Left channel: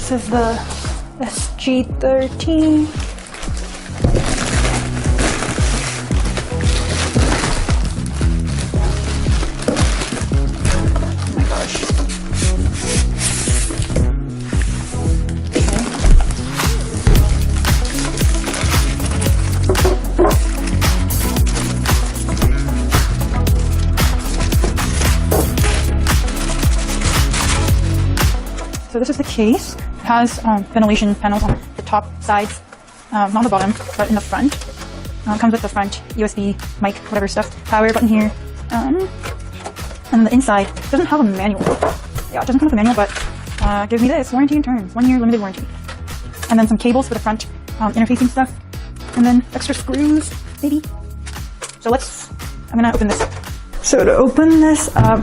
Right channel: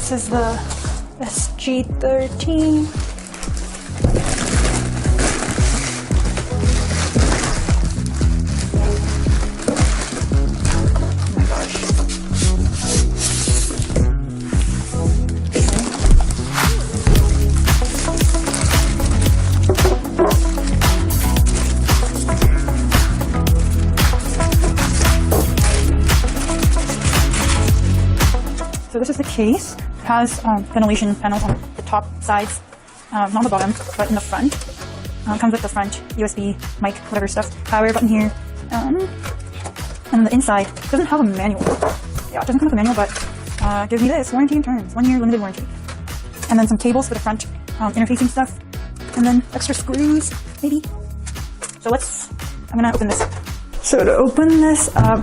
This is the SG13. Oh my gosh. So this is the case. It has ventilation panels on the top sides, not on the bottom, but in the front. It comes with the front USB, mic, whatever stuff, power button here. And on the inside, it doesn't have a manual. Yeah, it doesn't come with a manual, but gives me this, warranty and terms, 1 year limited warranty. And then some cables for the front interfacing stuff. And then extra screws, maybe. So I'm gonna open this up. So to open this up,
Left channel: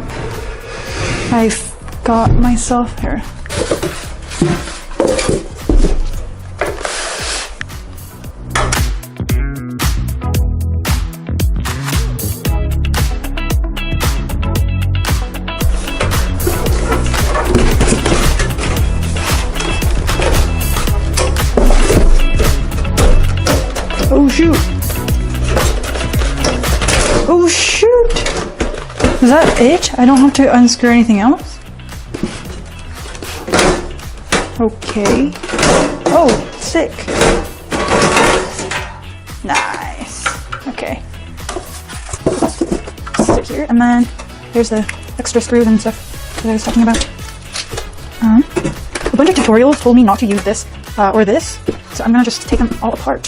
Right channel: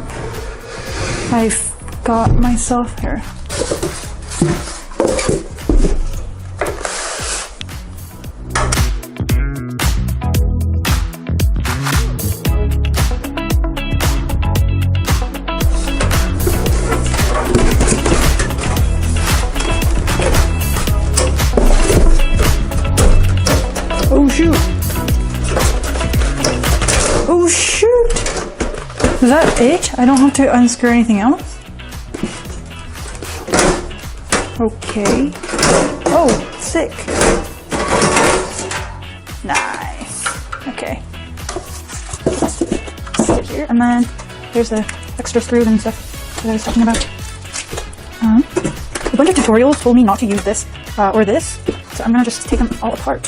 I've got myself here. Oh shoot! Oh shoot! Is that it? I don't have to unscrew anything else? Okay. Oh, sick. Nice. Okay. Stick here. And then there's the extra screws and stuff that I was talking about. A bunch of tutorials told me not to use this or this, so I'm gonna just take them all apart.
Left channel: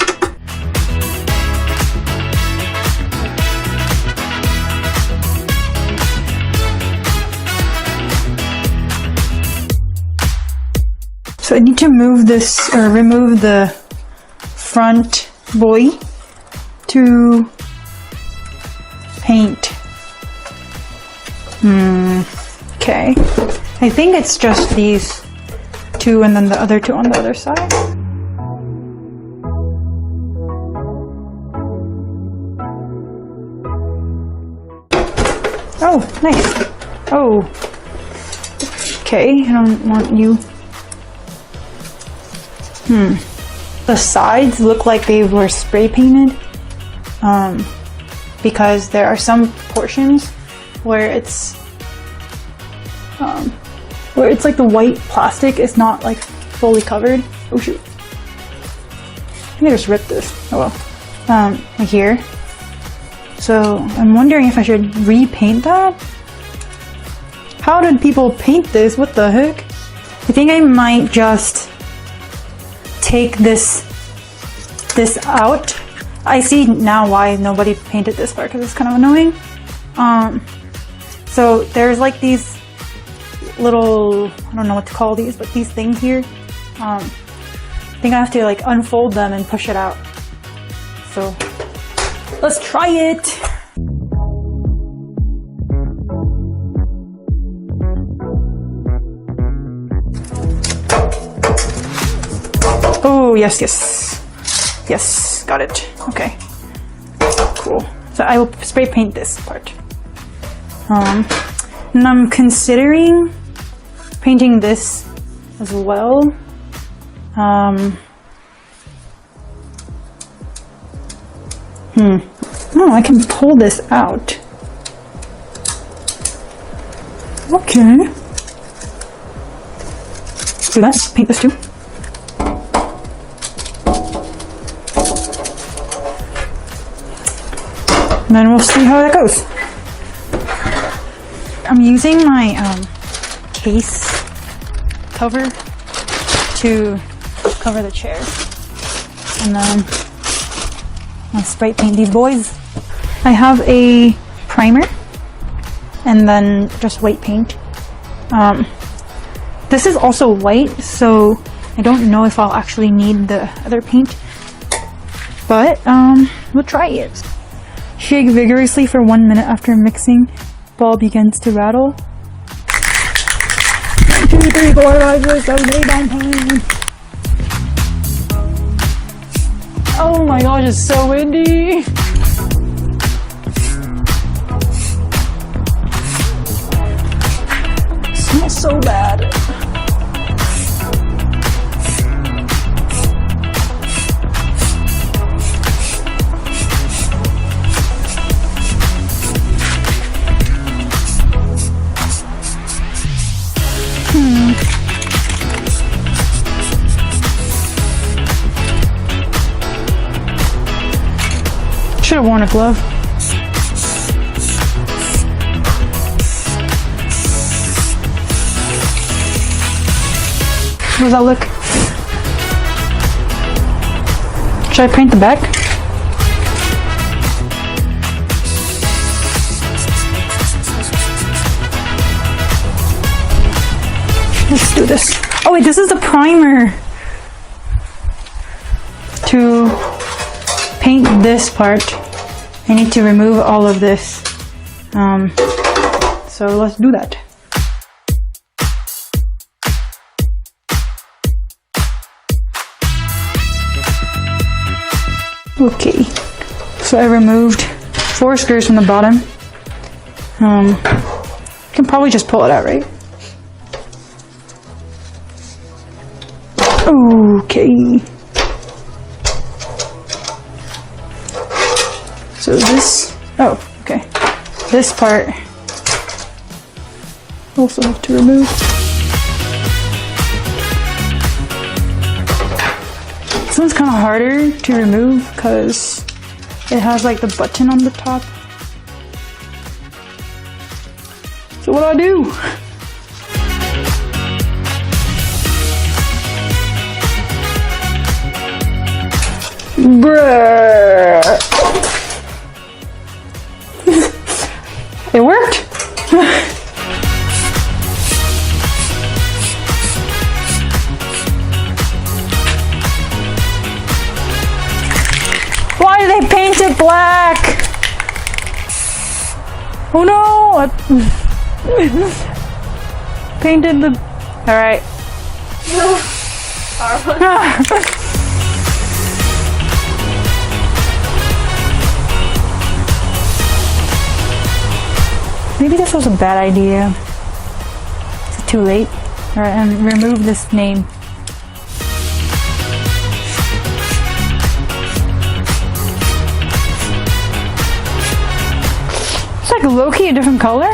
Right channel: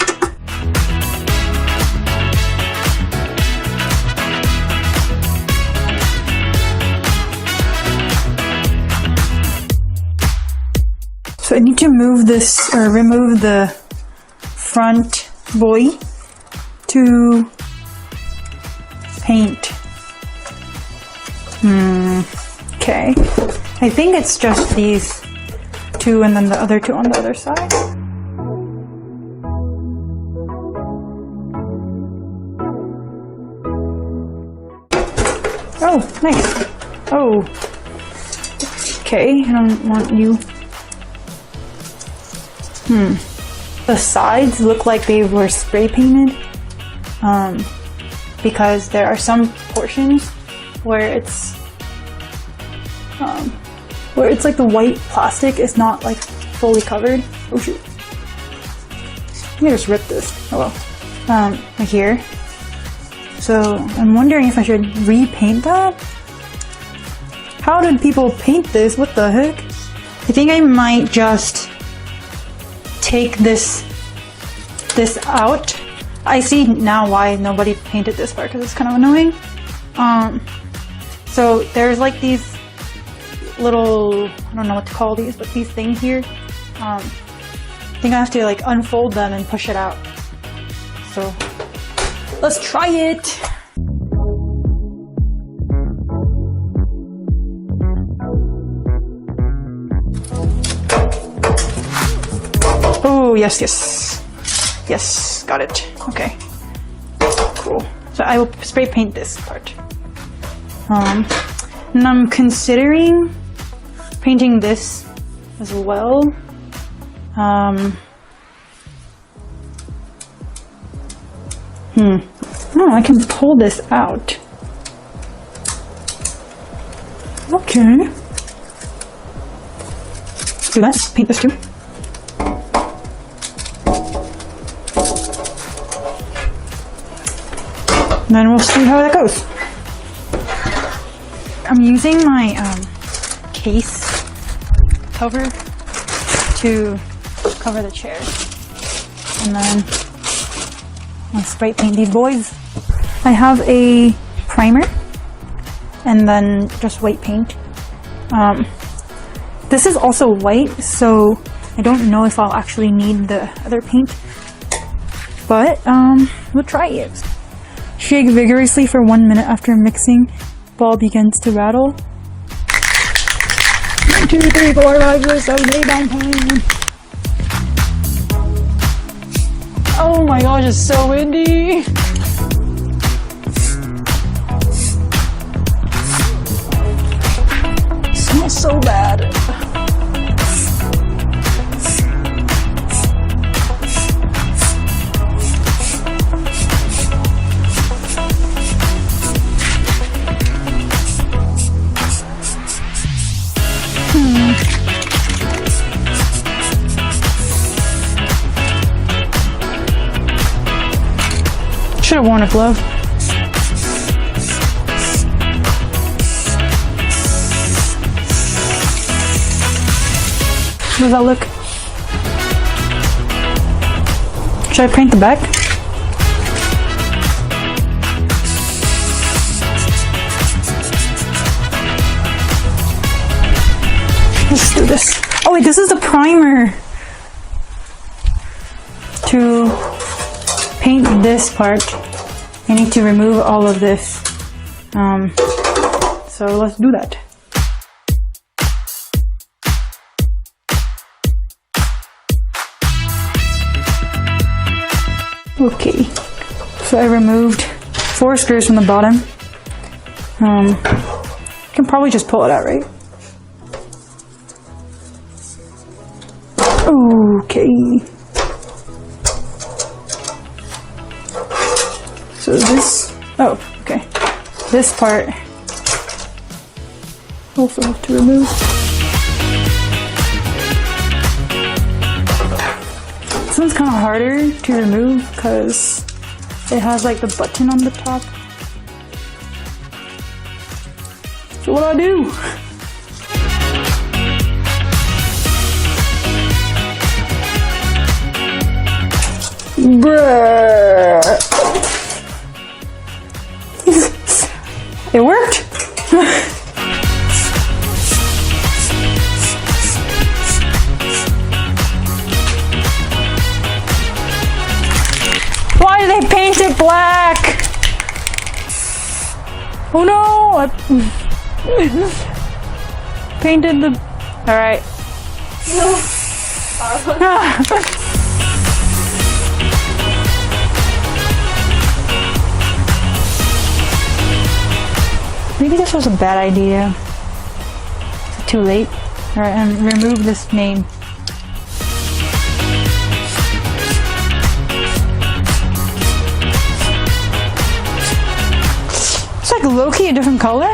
So I need to move this, or remove the front buoy to paint. Okay. I think it's just these two and then the other two on the other side. Oh, nice. Oh. Okay, I don't want you. The sides look like they were spray painted, because there are some portions where it's like the white plastic is not like fully covered. Oh shoot! Let me just rip this. Oh well. Here. So I'm wondering if I should repaint that. How did people paint this? What the heck? I think I might just take this out. I see now why nobody painted this part, because it's kind of annoying. So there's like these little, I don't know what to call these, but these things here. I think I have to like unfold them and push it out. So let's try it. Oh, yes, got it. Okay, cool. So I will spray paint this part. And I'm considering painting this as well. Oh, I can pull this out. Okay. So let's paint this too. And then we'll see how that goes. I'm using my case cover to cover the chairs. And then I'll spray paint these boys. I have a primer and then just white paint. This is also white, so I don't know if I'll actually need the other paint. But we'll try it. Shake vigorously for 1 minute after mixing. Ball begins to rattle. 1, 2, 3, 4, 5, 6, 7, 8, 9, 10. Oh my gosh, it's so windy. It smells so bad. have worn a glove. How does that look? Should I paint the back? Let's do this. Oh wait, this is the primer. To paint this part, I need to remove all of this. So let's do that. Okay, so I removed 4 screws from the bottom. I can probably just pull it out, right? Okay. So this, oh, okay. This part also have to remove. This one's kind of harder to remove because it has like the button on the top. So what do I do? Bruh. It worked. Why did they paint it black? Oh no! I painted the. All right. Maybe this was a bad idea. Is it too late? Alright, and remove this name. It's like low-key a different color.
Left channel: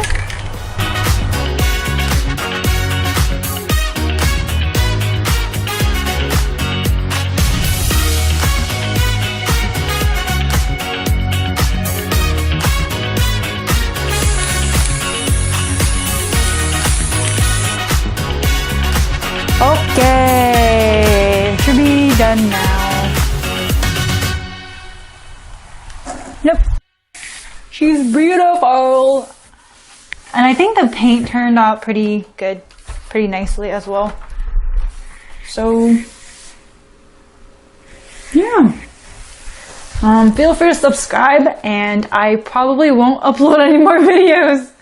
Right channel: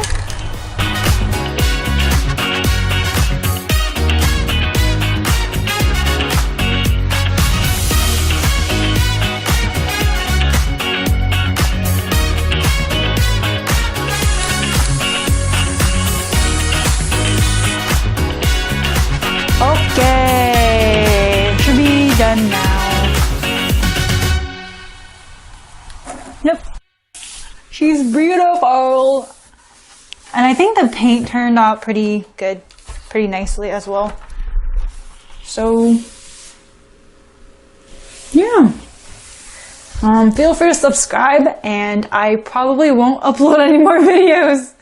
Okay, should be done now. Yep, she's beautiful. And I think the paint turned out pretty good, pretty nicely as well. So, yeah. Feel free to subscribe, and I probably won't upload any more videos.